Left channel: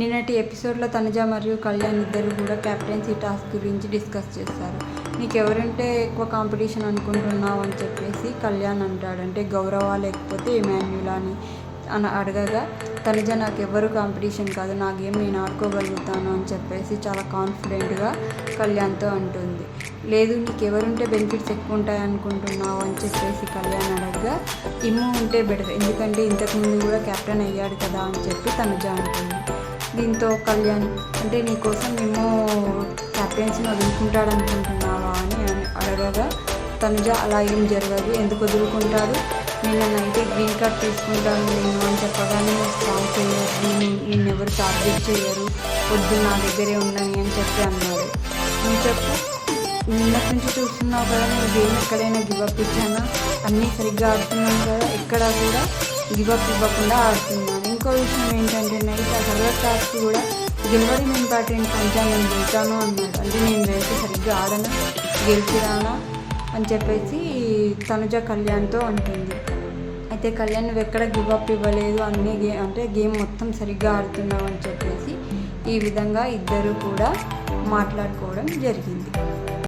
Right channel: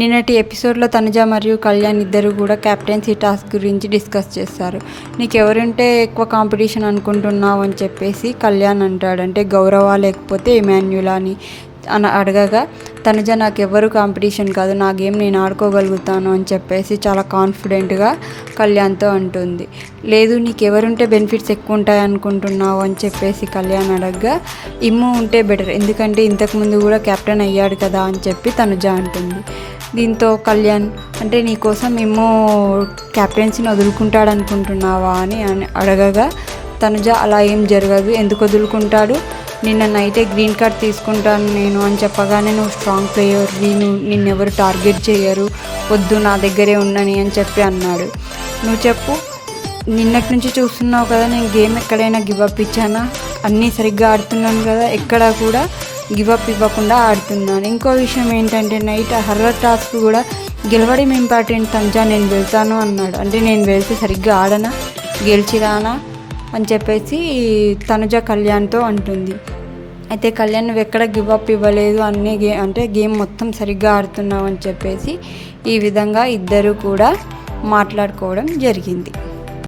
నిన్నటి ఎపిసోడ్లో తనుజ మరియు కళ్యాణ్ ఇద్దరు కూడా క్యాప్టెన్సీ టాస్క్ గురించి డిస్కస్ చేస్తారు. నీకెవరుంటే ఎక్కువ కాంపిటీషన్ అనుకుంటున్నావు అని చెప్పేసి కళ్యాణ్ అంటాడు. అంటే గౌరవ లేకపోతే ఇమాన్యులా అని అడగగా తనుజ నాకెవ్వరు కాంపిటీషన్ కాదు, నా గేమ్ నేను ఆడుకోగలుగుతాను అని చెప్పేసి చాలా కాన్ఫిడెంట్గా కళ్యాణ్తో అంటుంది. లేదు నీకెవరుంటే బెనిఫిట్స్ ఎక్కువ ఉంటాయి అనుకుంటున్నావు అని చెప్పేసి కళ్యాణ్ అడగగా ఇమ్ము ఉంటే బెటర్, ఎందుకంటే ఇంతకుముందు కూడా కెప్టెన్ అయ్యాడు కదా అని చెప్పి తనుజ అంటుంది. దీంతో కళ్యాణ్ అంటే నీకోసం ఇమ్ము కెప్టెన్సీని వదులుకుంటాడు అనుకుంటున్నావా అని అడగగా తనుజ అలా ఏం జరగదు, ఎందుకు వదులుకుంటాడు, నిన్న నైటే గ్రీన్ కార్డ్ తీసుకుంటాను నేను అని చెప్పగానే నువ్వు స్ట్రాంగ్ ప్లేయర్, నిన్నెవరు టార్గెట్ చేయరు, వద్దు నా దగ్గరే ఉండని అని చెప్పి అన్నాడు. నువ్వు చెప్పు, నిన్నటి నుంచి చూస్తున్నావు కదా నేను గేమ్ ఎక్కడైనా గివప్ ఇచ్చానా, అన్నీ సరిగ్గా ఆడుతున్నాను కదా, ఎక్కడా కూడా గివప్ ఇవ్వకుండా ఆడుతున్నాను. ఇంకో విషయం ఏంటంటే నైట్ హర్రర్ టాస్క్ కూడా గెలవడం ఇంపార్టెంట్ తనుజ, నేను వెళ్తాను అన్నాడు. అంటే నేను వెళ్తే సరిగ్గా ఆడనా, గెలిచి రానా అని చెప్పేసి తనుజ కళ్యాణ్తో అంటుంది. అయితే కళ్యాణ్ నువ్వు ఎక్కడ గివప్ ఇవ్వలేదు, అన్నీ గేమ్ మొత్తం సరిగ్గా ఆడుతున్నావు అని చెప్పేసి ఈ విధంగా ఇద్దరు కూడా మాట్లాడుకోవడం జరిగింది.